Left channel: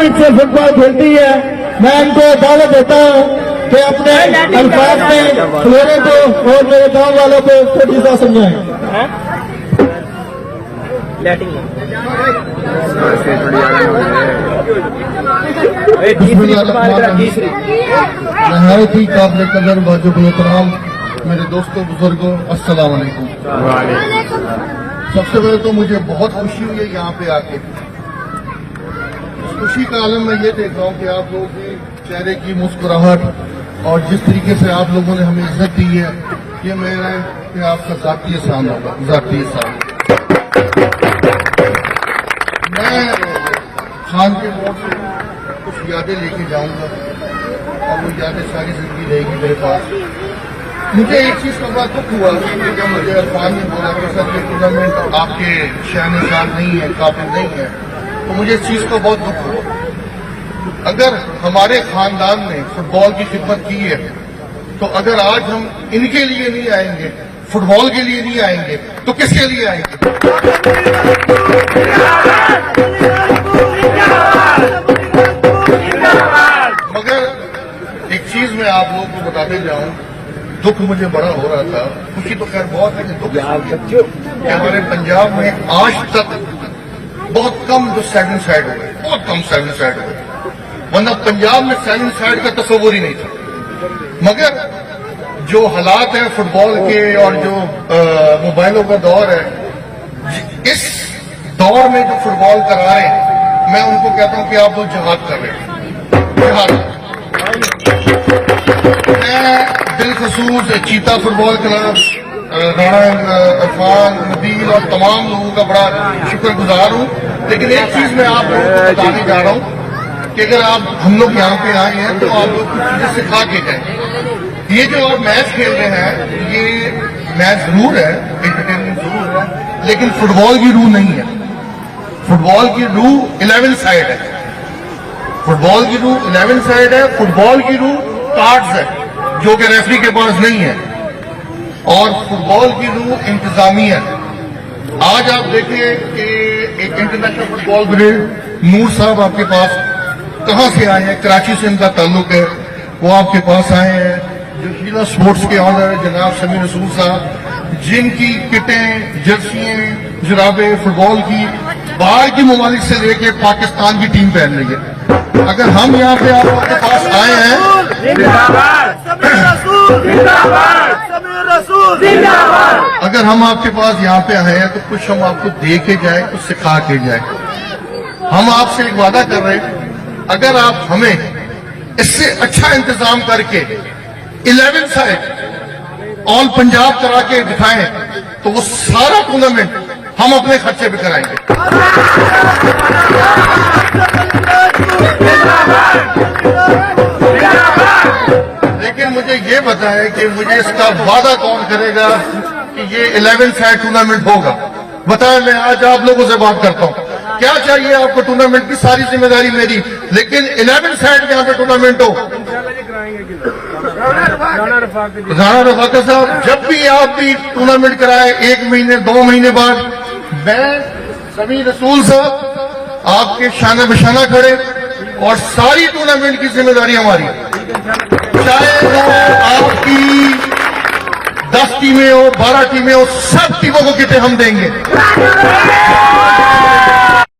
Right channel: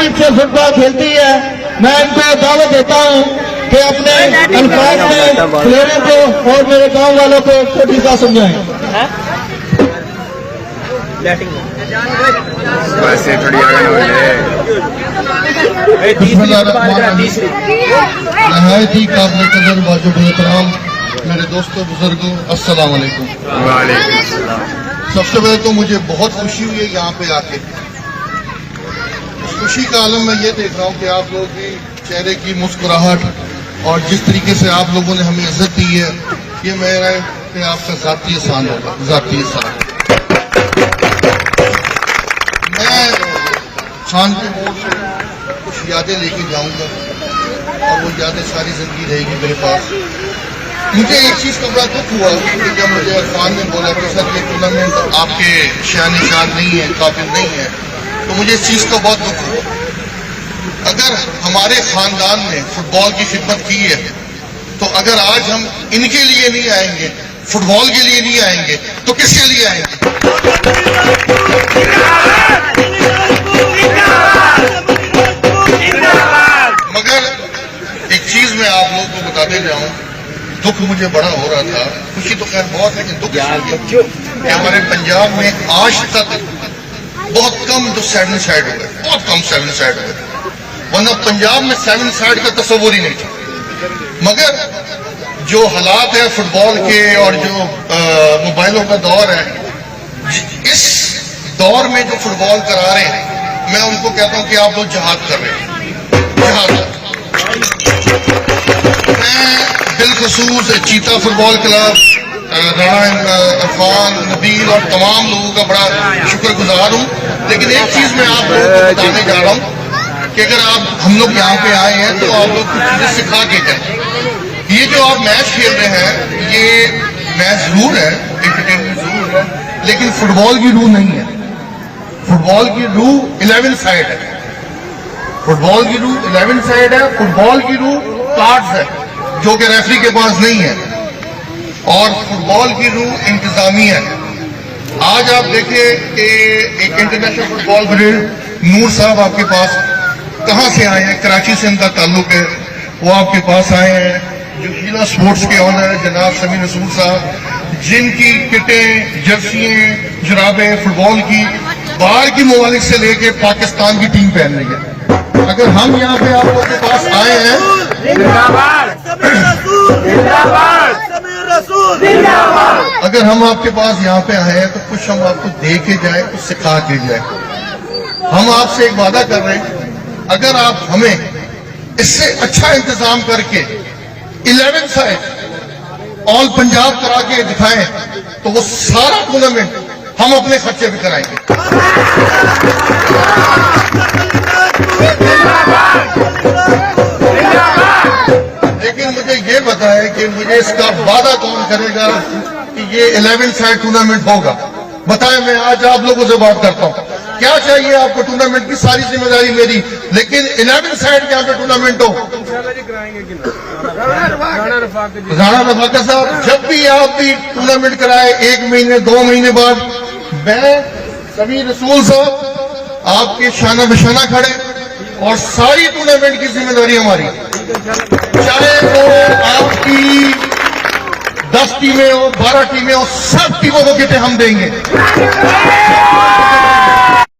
Spirit से football खेलती है। मैं इनको दावत देता हूँ कि अपने अल्फाज में प्लेयरों को और मेरे गाँव वालों को छोटी सा समझाएं। वैसे थोड़ी आगे हो जाए। नहायत ही काबिल कदर वाजिब एहतराम मेरे दोस्तों बुजुर्गों, अस्सलाम वालेकुम। सबसे पहले तो मुझे बहुत खुशी हुई है यहाँ पे आके। खुशी का आलम मैं ये देख रहा हूँ कि आप लोगों की चेहरे की मुस्कुराहट और जिस तरीके से आप लोगों ने हमें इज्जत दी है, ये मेरा कि आपका ज़ाती एहसान होगा, ज़ाती एहसान। मैं खान के मोड़ से कुछ यादें लेके जाऊंगा और वो यादें सारी जिंदगी रहेगी मेरे पास। मुझे एक चीज़ का बड़ा दुख हुआ कि जब मुझे इरफान ने बोला कि सर ये टूर्नामेंट आपके शान निशान नहीं है, काबिल नहीं है, तो मुझे इस चीज़ को बहुत दुख हुआ। अगर हमारे खानदान ने फुटबॉल की खिदमत की है, तो अगर आज हम इनके लिए नहीं आएंगे, फुटबॉल के लिए नहीं आएंगे, तो किसके लिए आएंगे? मगर एक चीज मैं आप लोगों को बताते जाऊं, दुख मुझे बड़ा हो रहा था, खुशी तो खैर बहुत है कि दुख हमारे पंजाब में आज तक बहुत कम जो सेवन साइड हो गए, बहुत कम सेवन साइड हो गए, वरना पंजाब में सेवन साइड का तस्वुर ही नहीं था। मगर जो हालात है फुटबॉल के और जो मोबाइलों का दौर है, इस दौर में जो फुटबॉल करा रहे हैं, मैं उनको कहता हूं कि आप लोग जहाद कर रहे हैं, जहाद। मैं बिलखुसूस चीता फुटबॉल क्लब, राणा इरफान, नबील और तमाम लोगों का बड़ा शुक्रगुजार हूँ। लेकिन एक चीज मैं आप लोगों को बताने जा रहा हूँ कि अगर आप हम लोग यहाँ पे आए हैं तो आप लोग कुछ चीजें सिखा के जाए। ये जो आप मैच खेल रहे हैं, ये मैच जरूर है, एंटरटेनमेंट जरूर है, लेकिन फुटबॉल की रूह नहीं है। फुटबॉल की रूह 11 साइड है, फुटबॉल की रूह 11 साइड है, फुटबॉल की रूह कार्ड्स है जो कि रेफरी के पास नहीं है, और फुटबॉल की रूह इंतजामिया है। आज आप देखिए कि एक इंटरनेशनल फुटबॉल ब्रिगेड नूर साहब आपके पास कहां से आए हैं, कराची से इनका ताल्लुक है, वो आपके पास आए हैं। जो हीरो स्पोर्ट्स के ऑनर है जनाब समीर रसूल साहब, जिनकी किटें, जर्सियां, जुराबें फुटबॉल की बाहर की ममालिक से लेके पाकिस्तान की टीम पहन रही है। अगर हम यहाँ पे आपके पास आए हैं, अगर हम आपके पास यहाँ पे आए हैं तो कुछ हम आपको दे के जाए, कुछ सिखा के जाए। हम आपसे एक वादा कर रहे हैं, अगर आप हमें इससे अच्छा इंतजाम करके 11 साइड ऑल पंजाब करा के दिखाएं, तो वो सारा टूर्नामेंट हम अपने खर्चे पे कराएंगे। लेकिन मुझे ये बताएं कि मुझे इसका वादा कौन करेगा कि ये 11 साइड टूर्नामेंट होगा? बताएं, मैं आज आप लोगों से बात करता हूँ। क्या चाहिए आपको? टूर्नामेंट की सारी जिम्मेदारी मेरी, लेकिन 11 साइड यहाँ पे टूर्नामेंट हो। राणा रफाका साहब, जब भी आप भी टूर्नामेंट कराए 1 महीने 2 महीने बाद, मैं समीर रसूल साहब आपके शाना बिशाना खड़े, और सारी टूर्नामेंट की जिम्मेदारी हमारी, चाहे वो आपकी 10 टीमें हो, 12 टीमें हो, सब टीमों को किटे हम देंगे।